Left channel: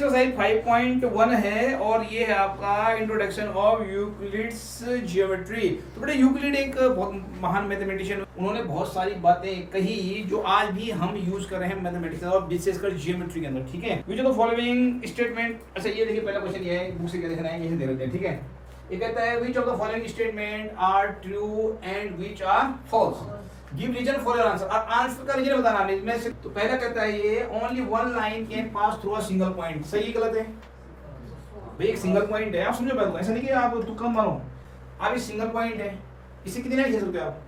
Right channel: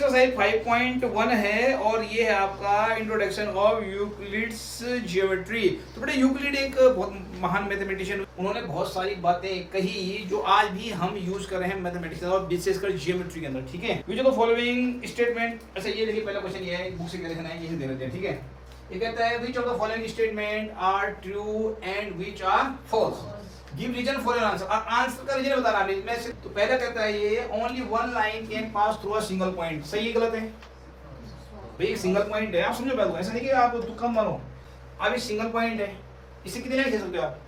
Exercise 5.1 है और ये है आपका इंट्रोडक्शन ऑफ यूक्लिड्स ज्योमेट्री। तो बेटा यूक्लिड एक बहुत महान मैथमेटिशियन, उन्होंने बहुत सारी बातें कही जो आज भी हम यूज कर रहे हैं मैथमेटिक्स और विशेषकर ज्योमेट्री के अंदर। ठीक है, which of the following statement, अच्छा ये देखिए पहला क्वेश्चन ये है, बुक से क्या लिखना है यही दे देते हैं। ठीक है, ये कहता है which of the following statement are true and which are false, give reason for your answer. और आंसर का रीजन बताना है इसमें से। तो पहला कहता है ये only one line can pass through a single point, सही है गलत है? भाई एक सिंगल पॉइंट है, आप समझो बात को, ऐसा नहीं कि आप तुक्का मारो, आप एक सिंगल पॉइंट है, इसे कितने लाइन खींच सकते हो आप?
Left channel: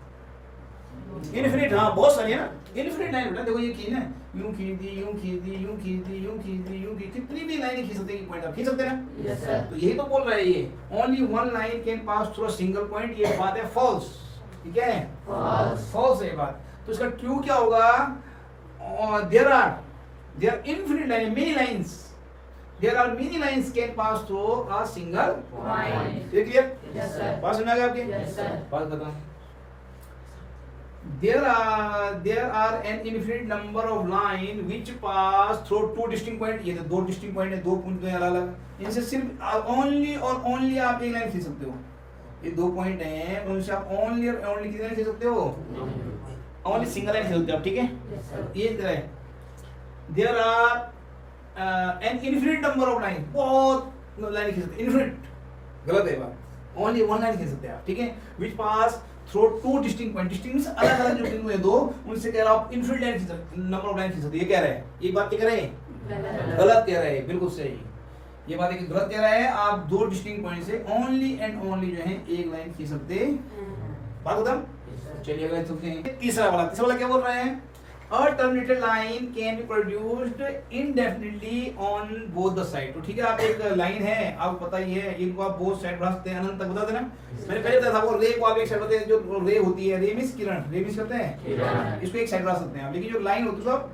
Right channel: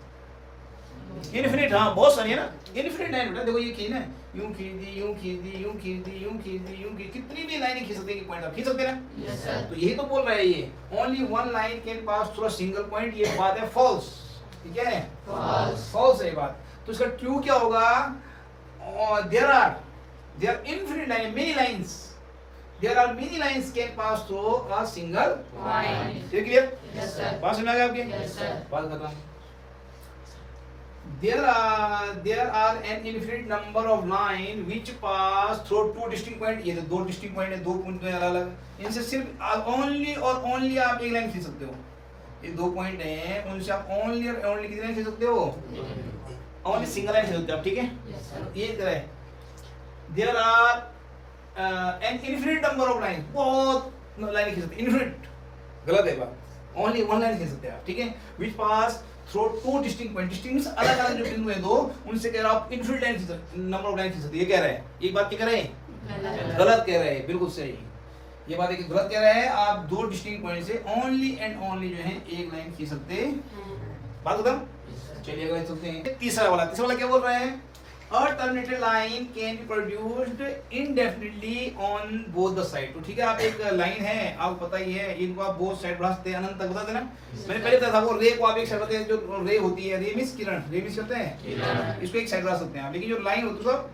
इनफिनिट, हाँ बहुत सारी है ना, इनफिनिट लाइन बेटा। देखो ये की ना, यूं खींच दी, यूं खींच दी, यूं खींच दी, यूं खींच दी, यूं खींच, कितनी भी लाइनें खींच सकते हैं पॉइंट, आप खींच सकते हैं ना? Yes sir. तो यही तो बोल रहा है ये, only one line can pass through a single point, ये बात है फॉल्स। ठीक है, फॉल्स है बात। तो इसका ट्रू क्या होगा? There are infinite line, many lines, there are many lines can pass through a single point. ये क्लियर? Yes sir. बात समझ आ गई आपकी? Yes sir. बात बताओ, there are an infinite number of line which pass through two distinct point। ये तो दो distinct point है, दो पॉइंट हैं अलग अलग, इनसे सिर्फ ओनली और ओनली आप एक लाइन खींच सकते हो। ये दो पॉइंट हैं, उनसे आप ओनली और ओनली कितनी लाइन खींच सकते हो? ओनली सिंगल लाइन खींच सकते हो आप। ठीक है, ये तरह है, there are an infinite number of line, बहुत लाइन खींच सकते, इनफिनिट गलत है बात, ओनली वन लाइन खींच सकते हैं आप। ठीक है, which pass through two distinct point, distinct अलग अलग जो बिंदु है दो, उनसे कह रहा हूं infinite line number of line खींच सकते। ये कह रहा है, ये बात क्या कह रहा है? गलत कह रहा है, बिल्कुल सही। ये बात एक गलत कह रहा है, आप दो डिस्टिंक्ट पॉइंट से ओनली एंड ओनली जो है एक लाइन खींच सकते। बात खत्म। चलिए अगला चलते हैं, तीसरा वाला क्या बोल रहा है? A terminated line can be produced indefinitely on both the side। तो ठीक है, आप एक लाइन है, आपको पता ही है, इनको आप बोथ साइड बढ़ा सकते हैं, अनंत तक बता देना। मैंने पहले बताया था, वो रे को आप एक साइड बताते हैं, जो रे होती है, रे मींस किरण, रे मींस होते हैं, इसको एक साइड बढ़ा सकते हैं। लेकिन जो लाइन होती है तो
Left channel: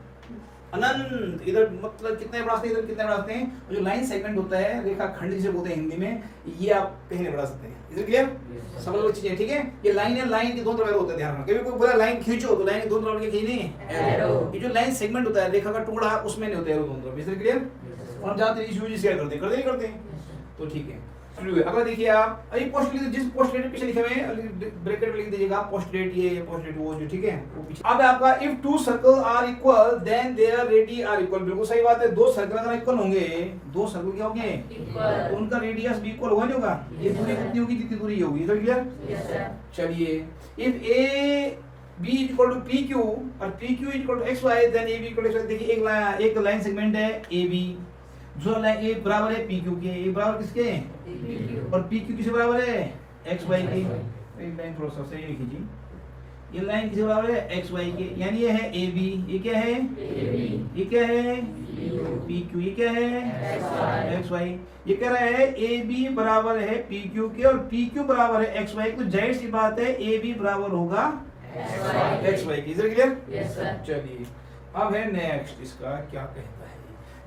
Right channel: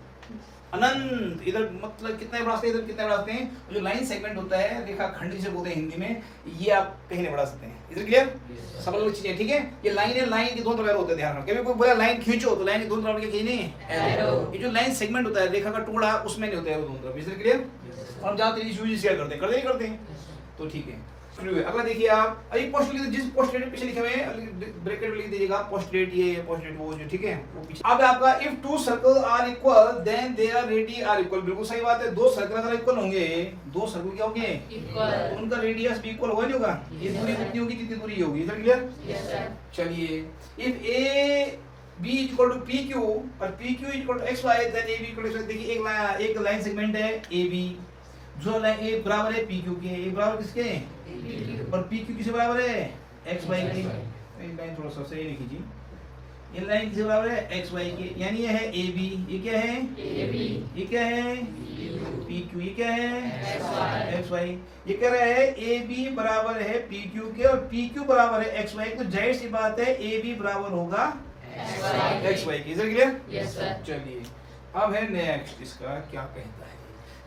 अनंत, इधर मतलब कितने बढ़ा सकते हैं, इधर कितने बढ़ा सकते हैं। जो लाइन सेगमेंट होता है, रेखा खंड जिसे बोलते हैं हिंदी में, ये आप कहीं नहीं बढ़ा सकते हैं। इधर क्लियर? समझ लो चीजें। ठीक है, ये लाइन है, लाइन के दोनों तरफ होते हैं, ध्यान रखना। कभी कोई बोला लाइन खींचो तो लाइन के दोनों तरफ के खींचने हैं, ये जो लाइन सेगमेंट होता है, रेखा का टुकड़ा, उसमें नहीं होता है वो दोनों तरफ। इधर क्लियर? और हम जाते हैं इशू शेयर करते हैं। तो ठीक है, अगला देखिए आप, अभी पोस्टलेट, जिस पोस्टलेट पीछे लिखे हुए हैं ब्रैकेट में लिख दीजिएगा पोस्टलेट, ये पोस्टलेट वो जो, ठीक है, वो पीछे। अब आपका if two circle are equal then their radius are equal, बिल्कुल सही बात है। दो सर्कल अगर इक्वल होंगे, दो सर्कल क्या होंगे? इक्वल, उनका रेडियस भी इक्वल होगा, नहीं होगा? ये दूरी कितनी होगी, जितनी दूरी होगी। इधर क्लियर? Yes sir. चलिए, if A B equal to P Q और P Q equal to X Y then A B equal to, देखिए एक लाइन सेगमेंट है ए बी, जो लाइन ए बराबर है पी क्यू के, ए बराबर किसके? और पी क्यू किसके बराबर है? एक्स वाई के। ये लाइन थोड़ा सा सही लिखी जी, ये लाइन किसके बराबर है? एक्स वाई के, यानी ये है ए बी, ये क्या है? ए बी, ये क्या है? पी क्यू, ये क्या है? X Y. ये कह रहा है ए बी बराबर है पी क्यू के और पी क्यू बराबर है एक्स वाई, तो जाहिर सी बात है ए बी बराबर होगा एक्स वाई के। इधर क्लियर? Yes sir. चलिए अब है नेक्स्ट, इसका क्या कहता है?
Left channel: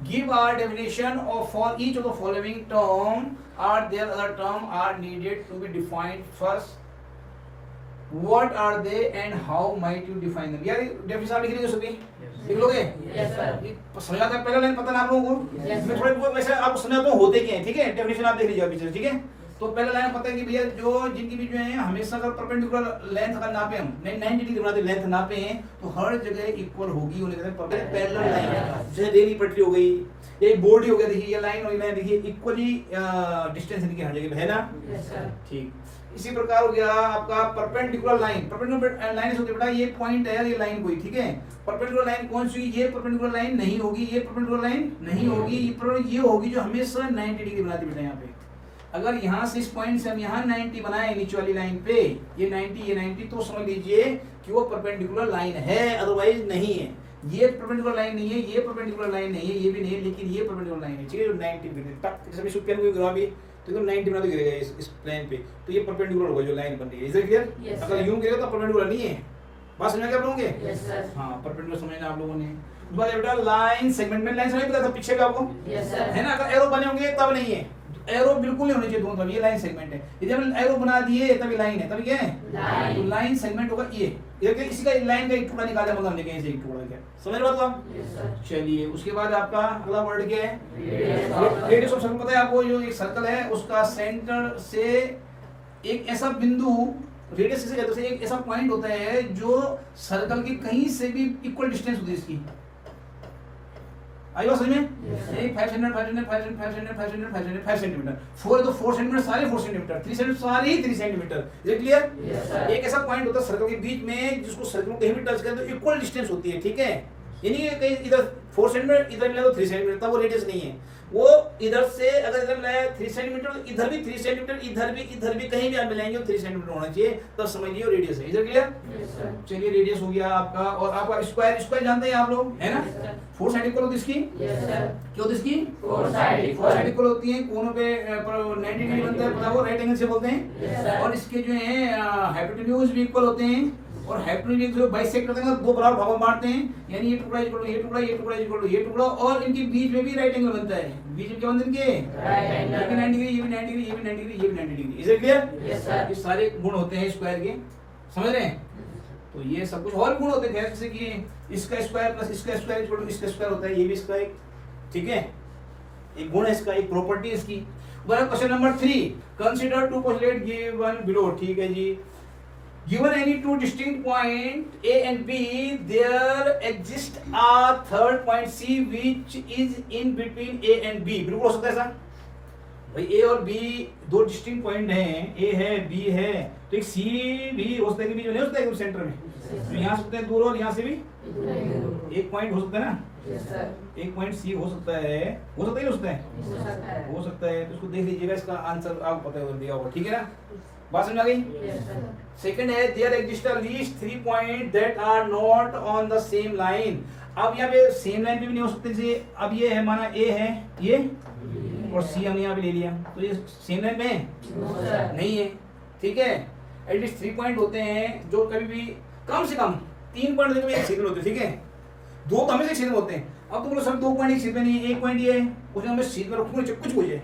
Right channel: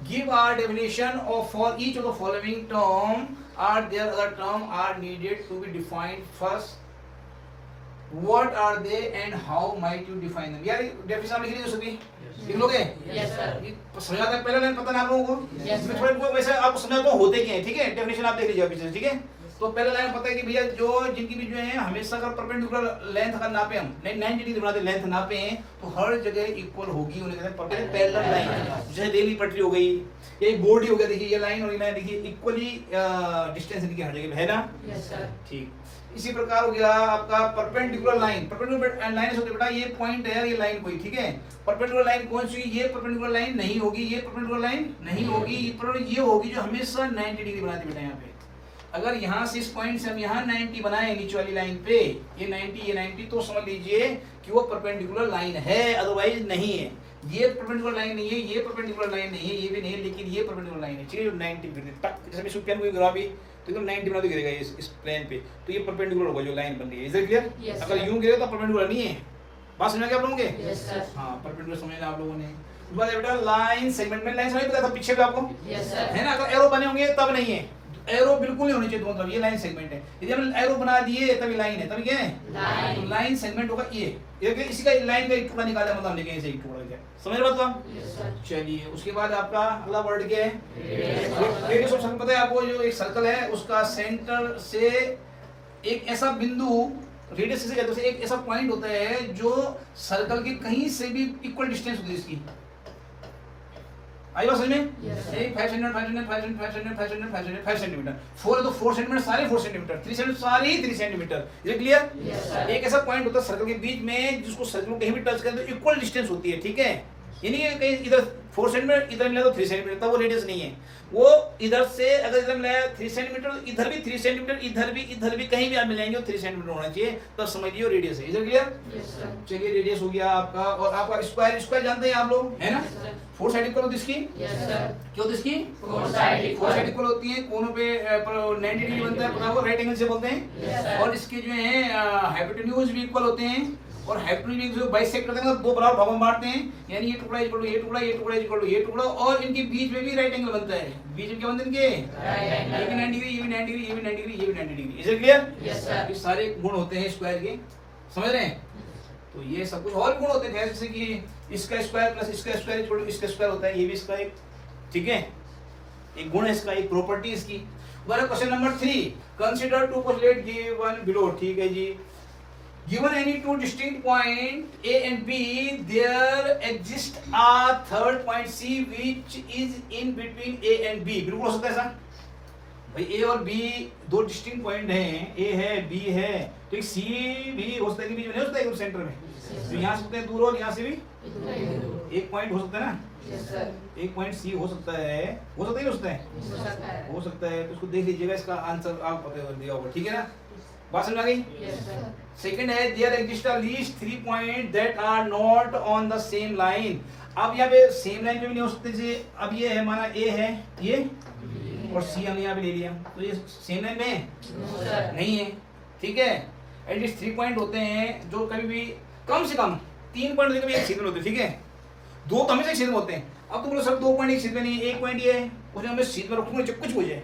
Give our definition of for each of the following term, are there other term are needed to be defined first? What are they and how might you define them? यार definition आप लिख लीजिए सभी, लिख लोगे? Yes sir. समझाते हैं, पहला लाइन पता ना आप लोगों को? यस। मैं थोड़ा इनको वैसे आपको समझाता हूँ होते क्या है। ठीक है, डेफिनेशन आप देख लीजिए पीछे। ठीक है, तो पहले लाइन पता है कि भैया जो जिनकी भी जो है हमेशा अगर परपेंडिकुलर लेंथ का नापे, हम 90 डिग्री बनाते लेंथ नापे हैं, तो हर जगह इक्वल होगी, उन्हें कहते हैं पैरेलल लाइन। जैसे रेल की पटरी हो गई, ये बोर्ड ही हो गया, देखिए ये लाइन और ये लाइन देखिए इक्वली डिस्टेंस इनकी हर जगह है ना? Yes sir. ठीक, इसी प्रकार हो गया आपका परपेंडिकुलर लाइन। परपेंडिकुलर लाइन से बेटा ये पॉइंट है, ये लाइन कोई, ठीक है, परपेंडिकुलर लाइन कौन सी? ये परपेंडिकुलर लाइन नहीं होगी, ये परपेंडिकुलर लाइन नहीं होगी, ये होगी जो हमेशा 90 डिग्री बनाती बेटा। यहाँ पे अगर यहाँ से इस पॉइंट से हम यहाँ 90 बनाए नीचे वाली लाइन पे, ये 90 तो समझ लीजिए कि वो परपेंडिकुलर लाइन है, अदरवाइज नहीं है। ये परपेंडिकुलर लाइन नहीं है, ये परपेंडिकुलर लाइन नहीं है, ये भी नहीं है, लेकिन ये परपेंडिकुलर लाइन है। ठीक है, 90 डिग्री तक जैसे इस पेन को गिरा भी तो 90 बना तो गिरेगा इस प्लेन पे, तो ये परपेंडिकुलर होगा जो लाइन बन रही है। Is it clear? अगर यूं गिरेगा तो परपेंडिकुलर नहीं है। बात समझ गए आप लोगों के? Yes sir. हां, परपेंडिकुलर समझना आप लोगों ने। बेटा लाइन सेगमेंट में लाइन समझ पता था पीछे का आपको? Yes sir. है ना? अगर एरो बने होंगे तब नहीं है, एरो बिल्कुल नहीं होनी चाहिए दोनों तरफ, ये लाइन सेगमेंट है। यदि हम एरो बना दिए तभी लाइन है, तभी क्या है लाइन। तो लाइन सेगमेंट होगा ये इसी का लाइन का एक टुकड़ा निकाले मतलब लेके इसे एक टुकड़ा क्या समझ रहे बात आप? चलिए उसके बाद आपका अगला वर्ड क्या है? Radius of circle. पता है आपको जो एक सर्कल है उसका सेंटर से एक ऐसा बिंदु, रेडियस से कहते हैं, एक ऐसा पॉइंट होता है जो सर्कल के कहीं से भी इक्वल डिस्टेंस होती है इसकी। आई बात समझ में? 500 सेंटीमीटर, 4 है तो 4 सेंटीमीटर सारे 4 सेंटीमीटर, 3 सेंटीमीटर सारे 3 सेंटीमीटर। ये क्लियर? एक ऐसा पॉइंट होता है सर्कल के बीच में जिसको सर्कल कहीं भी टच करे तो इक्वल डिस्टेंस होती है, ठीक है? यानी कि कहीं इधर 4 सेंटीमीटर इधर मिला तो 3 सेंटीमीटर, तब वो रेडियस नहीं है। वो इधर से अगर इधर मिलाया 3 सेंटीमीटर, इधर भी 3 सेंटीमीटर, इधर भी कहीं भी आप मिलाएंगे 3 सेंटीमीटर होना चाहिए, तो समझिए रेडियस है। इधर क्लियर? चलिए रेडियस हो गया आपका। और आपका स्क्वायर जानते हैं आप लोग, है ना? 4 साइड इक्वल होती है इसकी। क्यों होती है इसकी? 4 साइड इक्वल होती है, कोनों पे 90 डिग्री बनता है, पता वो राइट एंगल से बोलते हैं। और इसके जो है हाइपोटेन्यूज भी इक्वल होते हैं, और हाइपोटेन्यूज जो बाइसेक्ट करते हैं दो बराबर भागों में बांटते हैं, यानी ये टुकड़ा इक्वल टू ये टुकड़ा, ये टुकड़ा इक्वल टू ये टुकड़ा, और इनके बीच में भी राइट एंगल बनता है। बीच में क्या बनते हैं इनके? ये भी 90 डिग्री, ये भी 90 डिग्री, ये भी 90 डिग्री, ये भी 90 डिग्री। Is it clear? ये सारे गुण होते हैं स्क्वायर के, समझ रहे हैं? तो ये सब कुछ और गुण होते हैं जैसे कि इसका स्क्वायर प्लस इसका स्क्वायर इक्वल टू इसका स्क्वायर होता है, ये भी इसका एक, ठीक है, एक गुण है इसका, एक प्रॉपर्टी इसकी। Question number 3, consider two postulate given below. ठीक है जी। Given any two distinct point A and B, there exists a third point C which is in between A and B. बिल्कुल हो सकता है ऐसा भाई, A और B दो डिस्टिंक्ट पॉइंट हैं, A है B है, तो एक C भी हो सकता है कि बीच में नहीं हो सकता है, एकदम सेंटर में। तो यहाँ से सकते हैं दूर, और यहाँ से भी एक पॉइंट हो सकता है ना, एक पॉइंट C हो सकता है, हो सकता है नहीं हो सकता है? हो सकता है। तो इसको देख लीजिएगा, इसका आंसर आप पता कर दिया होगा, ठीक है ना? बात समझ आ गई? सेकंड है, there exist at least 3 point that are not on the same line. अब यहाँ पे सेम लाइन पे भी नहीं हो सकते। जी अब ये है, माना A है ये, और C हमने यहाँ पे ले लिया, तो ये सेम लाइन में नहीं है, ठीक है? एटलीस्ट 3 पॉइंट होते हैं जो कभी भी कम से कम 3 पॉइंट कभी एक सीध में होते हैं, ठीक है? 2 तो हमेशा सीध में होते हैं। अब तुम लोग सब 2 पॉइंट एक सीध में नहीं है, एक पॉइंट ये है, उसने हमें सीध में रखूंगा कुछ हो जाए,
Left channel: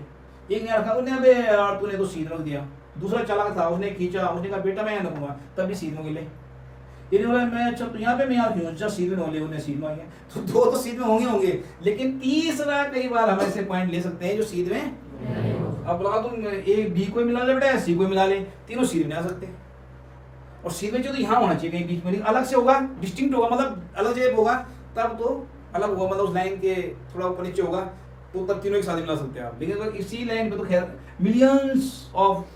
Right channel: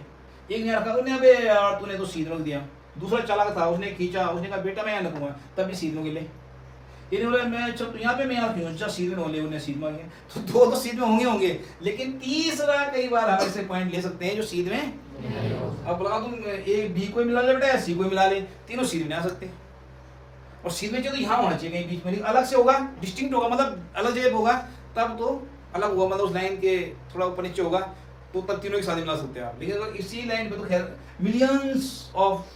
एक नहीं रखा उसने, अबे यार तूने तो सीध रख दिया। दूसरा चालाक था, उसने खींचा, उसने कहा बेटा मैं यहाँ रखूंगा, तब भी सीध में गिले। ये बोला मैं चल यहाँ पे मैं यहाँ क्यों, अच्छा सीध में होंगे, उन्हें सीध में होंगे, तो 2 तो सीध में होंगे, लेकिन तीसरा कई बार हम ऐसे पॉइंट ले सकते हैं जो सीध में। अब बोला तुम A B को मिला ले बेटा, C को मिला ले, तीनों सीध में आ सकते। और सीध में जो तो यहाँ होना चाहिए, कहीं बीच में नहीं, अलग से होगा, डिस्टिंक्ट होगा, मतलब अलग जगह होगा, तब तो अलग होगा, मतलब उस लाइन के थोड़ा ऊपर नीचे होगा, तो तब तीनों एक साथ मिला सकते हैं आप। लेकिन अगर इसी लाइन पे तो खैर मिलियंस ऑफ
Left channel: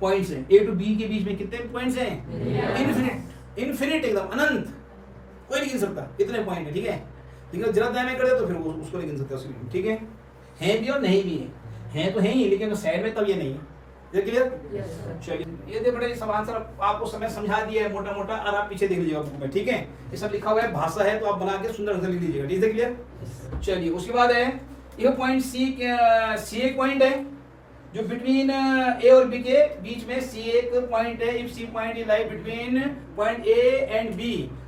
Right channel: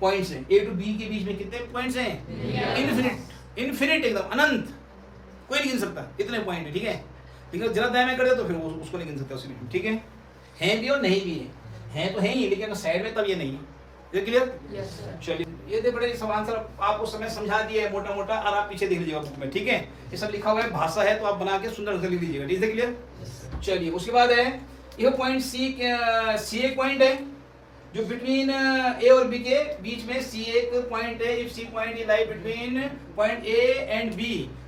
पॉइंट्स हैं, A to B के बीच में कितने पॉइंट्स हैं? इनफिनिट एकदम अनंत, कोई नहीं गिन सकता इतने पॉइंट है, ठीक है? लेकिन जरा दाएं में कर दे तो फिर उसको नहीं गिन सकता उसी में, ठीक है? हैं भी और नहीं भी हैं तो हैं ही, लेकिन साइड में तब ये नहीं है। ये क्लियर? चलिए ये दे बड़े सब आंसर आपको समय समझा दिया है मोटा मोटा, और आप पीछे देख लीजिएगा बुक में, ठीक है? ये सब लिखा हुआ है, भाषा है, तो आप बना के सुंदर से लिख लीजिएगा, ठीक है? क्लियर? चलिए उसके बाद है ये पॉइंट C एक पॉइंट है जो बिटवीन A और B के बीच में C एक पॉइंट है। If C point is lie between point A and B।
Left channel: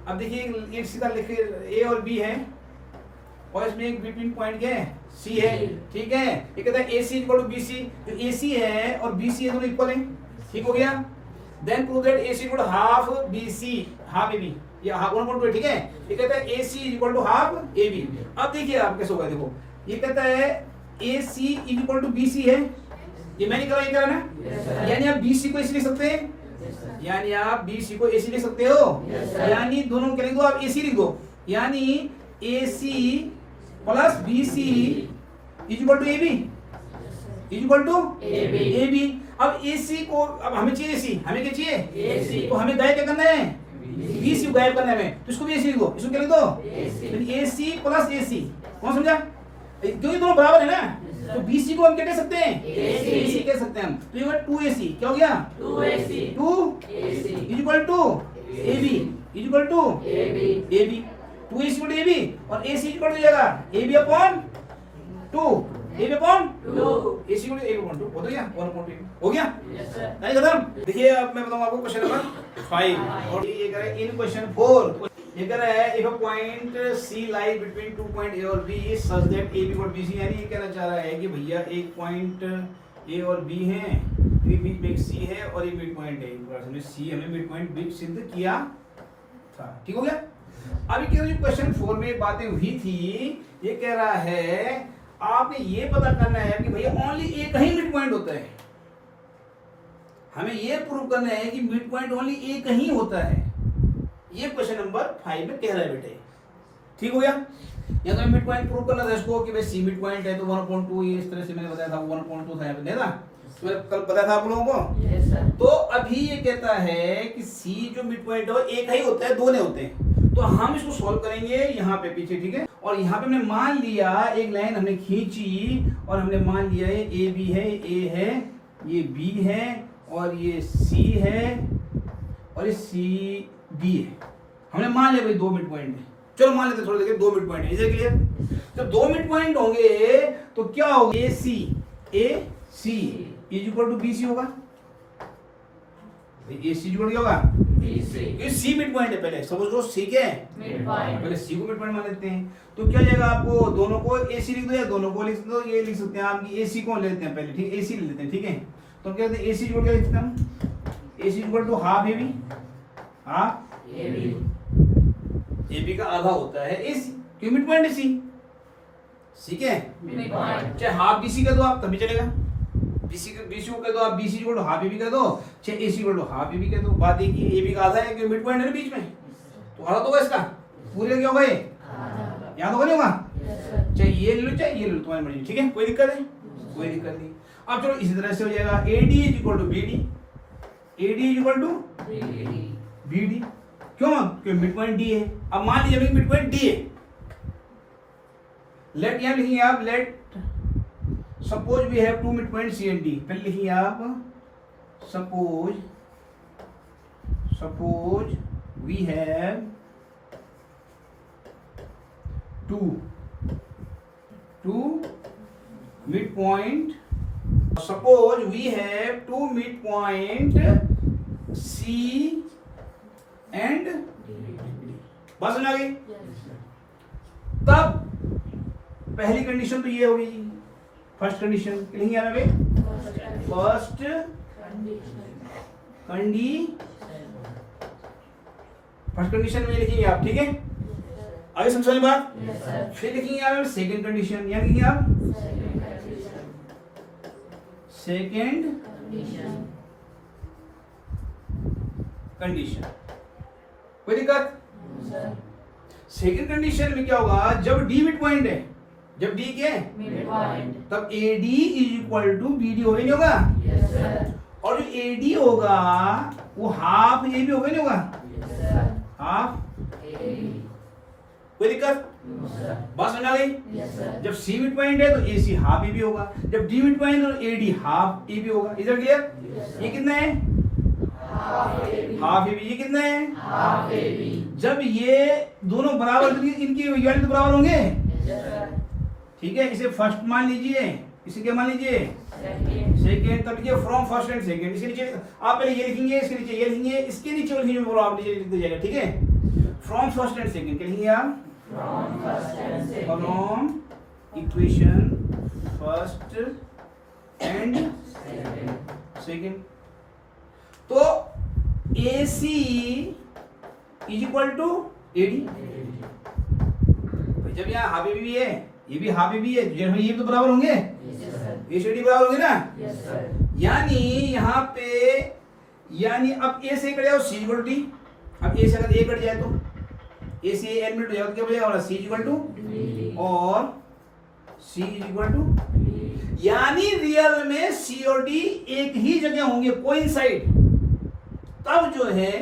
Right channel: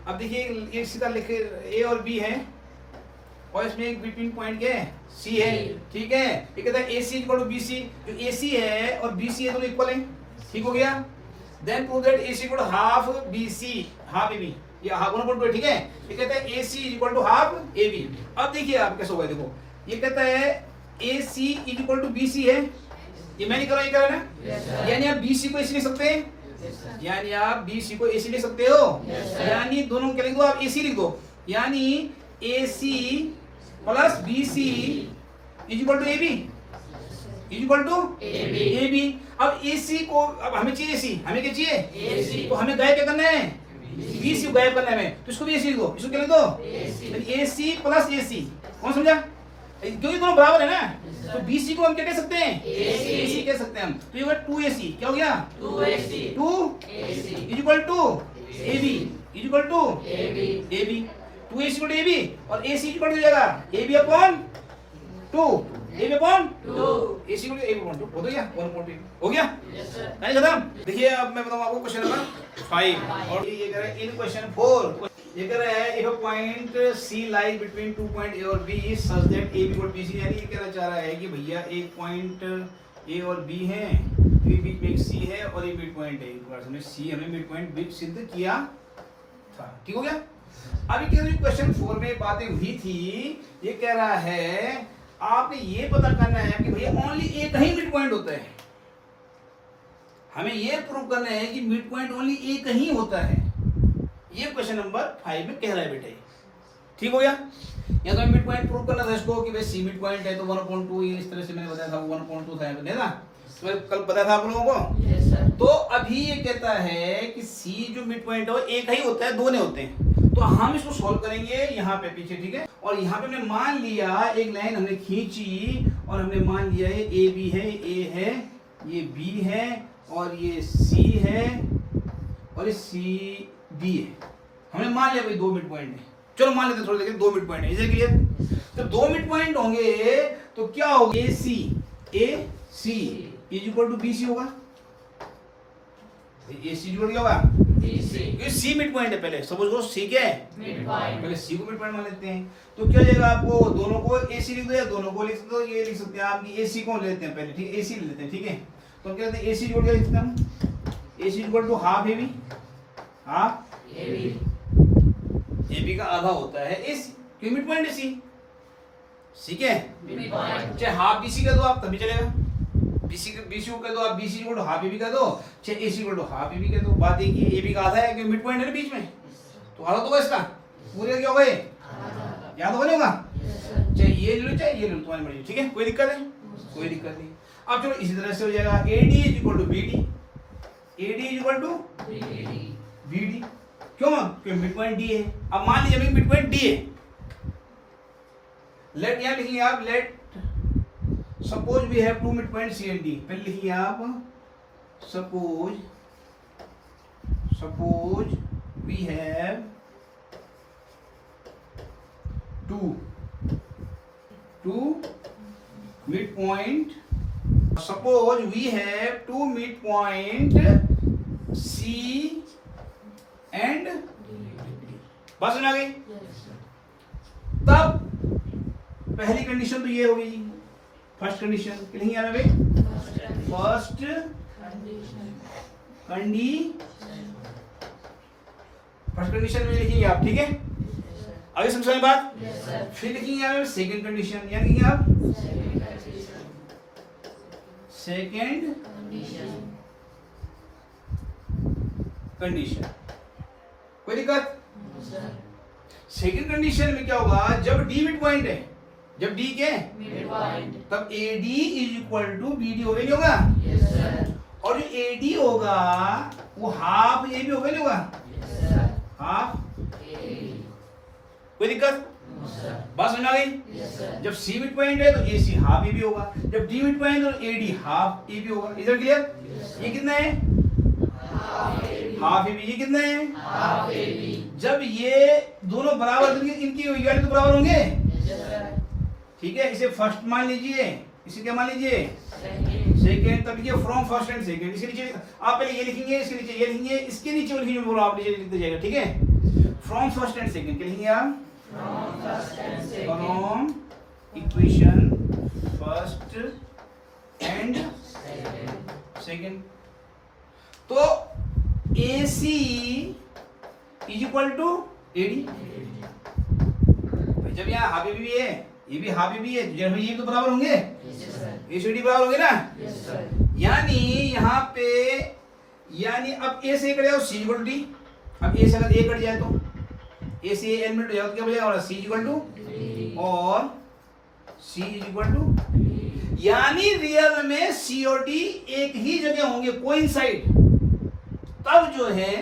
अब देखिए एक सीधा लिखे A और B है, और इसमें एक बिटवीन पॉइंट क्या है? C है, ठीक है? ये कहता है AC इक्वल टू BC, जो AC है और BC है दोनों इक्वल है, ठीक हो गया? Then prove that AC equal to half BC, half AB, ये हाफ 1/2, ठीक है? ये कहता है AC equal to half AB। अब देखिए आप कैसे होगा, देखो ये कहता है AC इक्वल टू BC है, ये मैं नहीं कर रहा, ये कर रहा है ना? यानी आप BC को AC लिख सकते हैं, यानी आप BC को AC लिख सकते हो, यानी दोनों क्या लिख दो आप? AC लिख दो, यानी AC plus BC equal to AB, equal to AB। अब AC को, अब हमें चाहिए AC, हमें क्या चाहिए? तो हमें गायब क्या करना है? BC को गायब करना है, तो इसको भी AC लिख दो, इसको क्या लिख दो? AC plus AC। कौन समझा? क्योंकि दोनों बराबर है ना, तो BC को हम क्या कह सकते हैं? AC कह सकते हैं हम। तो ये होगा 2AC, क्या हो गया? 2AC equal to AB equal to AB, 2AC equal to AB, और AC इक्वल टू जाएगा AB upon 2, AB upon 2, AC equal to AB upon 2, हो गया? 1/2 हो गया? नहीं खत्म? देखिए अब मैं बताऊं आपको क्वेश्चन नंबर 5, और ये करें इन क्वेश्चन 4। ये कह रहा है if a point C lies between 2 point A और B such that A equal BC, यानी ये कहना चाह रहा है कि भैया एक पॉइंट A और B हैं, फिर बीच में एक C है और एक मिड पॉइंट है, हमने C हमें मिड पॉइंट B सिद्ध किया था। ठीक हो गया। अभी क्या जो क्वेश्चन 4 में बातें हुई थी, ये कह रहा है आपने ये पता करना है कि भैया ओनली एक ही मिड पॉइंट होता है। हमें ये प्रूव करना है कि मिड पॉइंट ओनली एक ही होता है। ये क्वेश्चन नंबर 5 में कह रहा है बेटे। ठीक हो गया। या तो मिड पॉइंट प्रूव करना था इसको कि भाई सी मिड पॉइंट है तो 1.2, ये इस तरह से मैंने बताया था 1.2 था यहाँ पे ना, तो कल पता था आप लोगों को। yes, sir. तो अभी ये कहता है कि सी जो मिड पॉइंट है वो एक ही होता है, दो नहीं होते हैं। तो हम इसको सोल्व करेंगे यहाँ पे पीछे, ठीक है। और यहाँ पे हमने मान लिया एक लाइन हमने खींची और हमने मान लिया ये ए बी है, ए है, ये बी है और ये सी है और ये सी बी है। हमने मान लिया भाई दो मिड पॉइंट है। चलो मान लेते थोड़ा, देखिए दो मिड पॉइंट है, इसे क्लियर। जब दो मिड पॉइंट होंगे तो क्या होगा, A C is equal to B C होगा। ए सी इक्वल क्या होगा, क्योंकि सी मिड पॉइंट है। पहले सपोज करो सी क्या है मिड पॉइंट, पहले सी को मिड पॉइंट मान लेते हैं। तो क्या जाएगा आपको, दोनों को ए सी लिख दो या दोनों को लिख दो, ये लिख सकते हैं आप ए सी को लेते हैं पहले, ठीक है, ए सी लेते हैं, ठीक है। तो क्या कहते हैं ए सी इक्वल क्या लिखते हैं हम, A C equal to half A B, half A B का आधा होता है ए सी, क्योंकि मिड पॉइंट है सी, ठीक है। चाहे हाफ बी सी कर दो आप तभी चलेगा, बीसी को कह दो आप BC equal to half A B कर दो, चाहे A C equal to half A B कर दो। बात एक ही, ए बी का आधा है क्योंकि मिड पॉइंट है ना बीच में, तो आधा तो होगा इसका, पूरे क्या होगा ये, याद होगा नहीं होगा, चाहे ये ले लो चाहे ये ले लो, तुम्हारी मर्जी, ठीक है। कोई दिक्कत है, कोई दिक्कत नहीं। अब चलो इसी तरह से हो जाएगा A D is equal to B D, A D is equal to B D, क्यों, क्योंकि मिड पॉइंट डी है। अब मान लीजिए मिड पॉइंट डी है, लेट यहां लिखिए आप, let suppose we have two mid point C and D. पहले लिखिए आप suppose we have two mid point, suppose we have two mid point C and बस समझ आ गई। तब पहली कंडीशन तो ये हो गई, फर्स्ट कंडीशन लिखेंगे यहाँ पे, फर्स्ट कंडीशन में लिखेंगे आप, ठीक है। आगे समझ में बात। फिर लिखेंगे यहाँ पे सेकंड कंडीशन, यहाँ लिखेंगे आप सेकंड कंडीशन। कोई दिक्कत, सेकंड कंडीशन में क्या होगा, जब डी मिड पॉइंट है, जब डी क्या है मिड पॉइंट, तब AD is equal to BD होगा नहीं होगा, yes, sir. और जो AD होगा वो हाफ AB होगा नहीं होगा, yes, हाफ AB। कोई दिक्कत, बात समझ आ गई, yes, जब C मिड पॉइंट है तो AC हाफ AB होगा, जब D मिड पॉइंट है तो AD हाफ AB होगा। इधर क्लियर, yes, ये कितना है हाफ AB, ये कितना है हाफ AB। जब ये दोनों बराबर, इनकी वैल्यू तो बराबर होंगे, ठीक है। इसे फर्स्ट मान लीजिए, इसे क्या मान लीजिए सेकेंड, तब लिखिए फ्रॉम फर्स्ट एंड सेकेंड। इसके नीचे आप पहले ये लिखेंगे, इसके नीचे ये लिखेंगे, इसके नीचे वो लिखेंगे, बोलो आप नीचे लिख दीजिएगा, ठीक है। फ्रॉम फर्स्ट एंड सेकेंड क्या लिखेंगे आप, from equation first and second. तो AC is equal to AD, जब यहाँ हाफ AB भी है, ये भी हाफ AB है, जब ये तो बराबर होंगे, ए से डी बराबर होंगे ना, यानी यहाँ पे, यानी अब A से कट जाओ C इक्वल टू D। अब A से अगर A कट जाए तो A से N में कट जाओ तो क्या बचेगा, और C इक्वल टू और C इक्वल टू, यानी रियल में C और D एक ही जगह होंगे, कोइंसाइड। तब जो है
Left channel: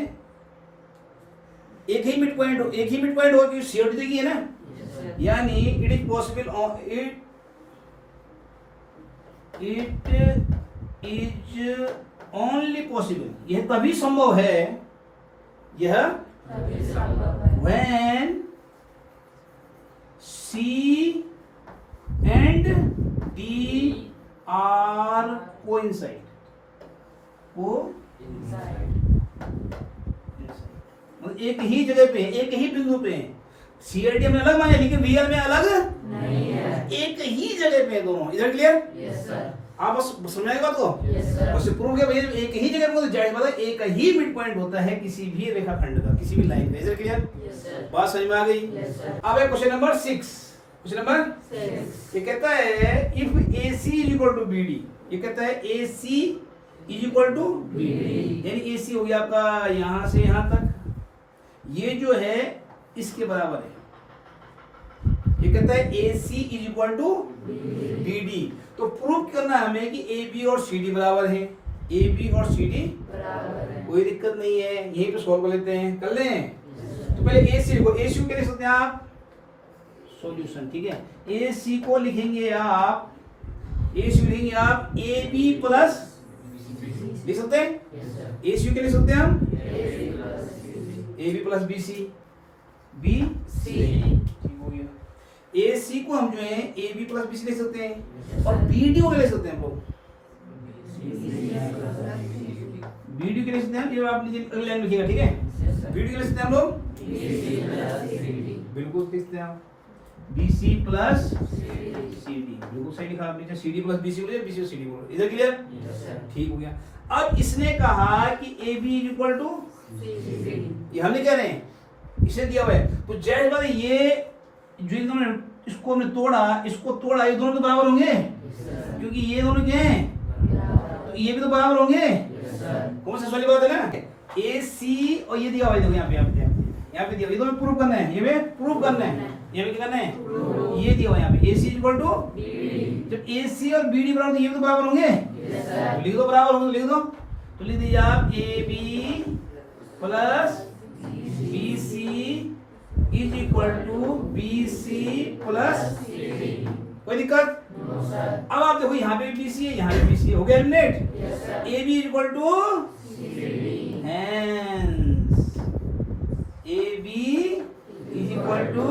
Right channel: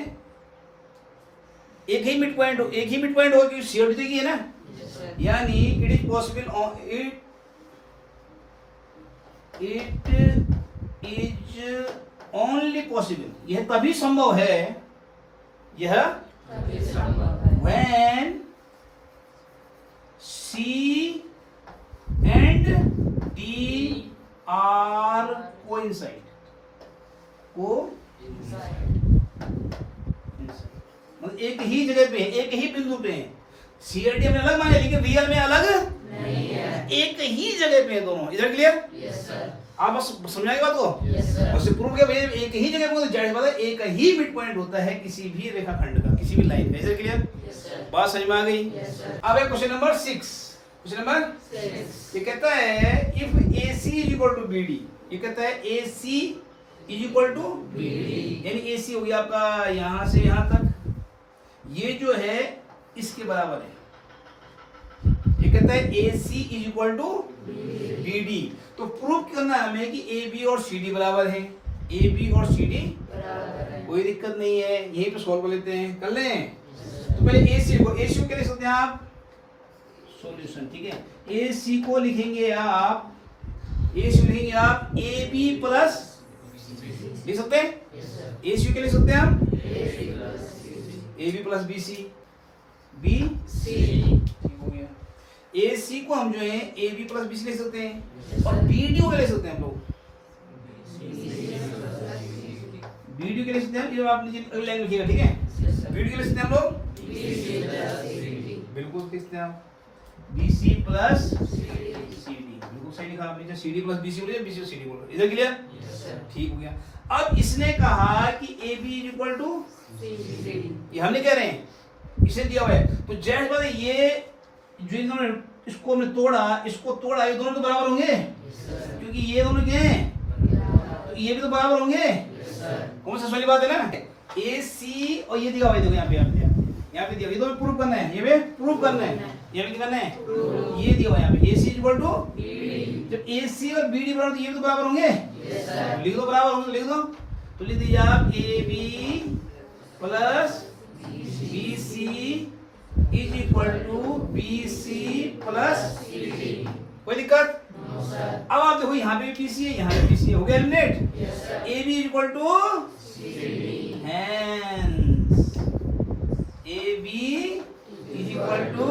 एक ही मिड पॉइंट हो, क्योंकि C और D देखिए ना, यानी it is possible, it is only possible, यह तभी संभव है, यह when C and D are coincide, मतलब एक ही जगह पे, एक ही बिंदु पे है। सीआरडी में अलग माने लेकिन रियल में अलग नहीं है, एक ही जगह पे है दोनों। इधर क्लियर? Yes sir. आप बस समझाएंगे बात को? Yes sir. बस प्रूव किया भाई एक ही जगह पे, जाहिर बात है एक ही मिड पॉइंट होता है किसी भी रेखाखंड का, किसी भी लाइन का। इधर क्लियर? Yes sir. बात समझ में आ गई? Yes sir. अब है क्वेश्चन नंबर 6। क्वेश्चन नंबर 6 ये कहता है if AC is equal to BD, ये कहता है AC is equal to BD, यानी AC हो गया आपका यहां से यहां तक, ये जो है इसके बराबर है। ये कहता है AC is equal to BD, तो प्रूव करना है हमें कि AB और CD बराबर है। AB और CD बराबर है, कोई दिक्कत नहीं है, यहीं पे सॉल्व कर लेते हैं। कर लें तो पहले AC को, AC को क्या लिख सकते हैं आप? सॉल्यूशन, ठीक है। AC को लिखेंगे आप, AC को लिखेंगे आप AB प्लस, लिख सकते हैं? AC को लिख सकते हैं हम AB प्लस BC, ठीक हो गया। AC को हम जो है AB प्लस BC लिख सकते हैं, और BD को क्या लिख सकते हैं हम लोग? BD के लिख सकते हैं, ये आप नीचे लाइन लिखिएगा, ठीक है। BD के लिख सकते हैं हम लोग बिल्कुल लिख सकते हैं आप BC प्लस CD, बिल्कुल सही लिखा आपने। CD प्लस BC बोलिए, BC और CD बोलो। इधर क्लियर? ठीक हो गया। अब इसने कहा कि AB इज इक्वल टू, ये हमने कह रहे हैं इसे दिया हुआ है, तो जाहिर बात है ये जो इन्होंने इसको हमने तोड़ा, इसको तोड़ा, ये दोनों तो बराबर होंगे क्योंकि ये दोनों क्या हैं, तो ये भी तो बराबर होंगे। कौन सा वाली बात है ना? AC और ये दिया हुआ है, देखो यहाँ पे दिया, ये दोनों प्रूव करना है, ये भी प्रूव करना है, ये भी करना है, ये दिया हुआ है यहाँ पे AC इक्वल टू, जब AC और BD बराबर तो ये भी तो बराबर होंगे, लिख दो बराबर होंगे, लिख दो, तो लिख दीजिए आप AB plus BC is equal to BC plus CD। कोई दिक्कत? अब आप देखो यहाँ पे BC है, यहाँ पे BC है, हो गया eliminate. AB is equal to hence AB is equal to,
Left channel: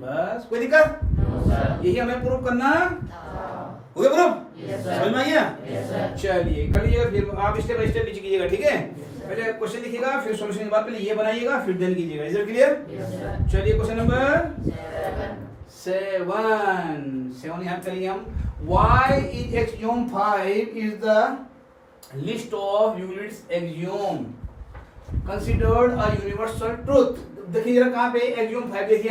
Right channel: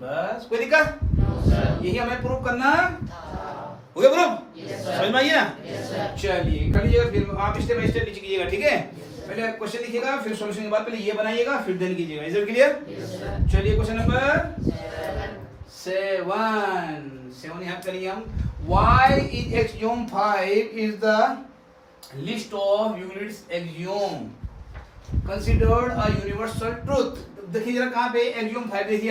बस कोई दिक्कत? यही हमें प्रूव करना हो गया। प्रूफ समझ में आइए? चलिए कर लीजिएगा, फिर आप स्टेप बाय स्टेप नीचे कीजिएगा, ठीक है। पहले क्वेश्चन लिखिएगा, फिर सॉल्यूशन के बाद पहले ये बनाइएगा, फिर देन कीजिएगा। Is clear? चलिए क्वेश्चन नंबर 7 याद करिए हम। Why is axiom 5 is the list of Euclid's axiom considered a universal truth? देखिए जरा कहाँ पे axiom 5 देखिए।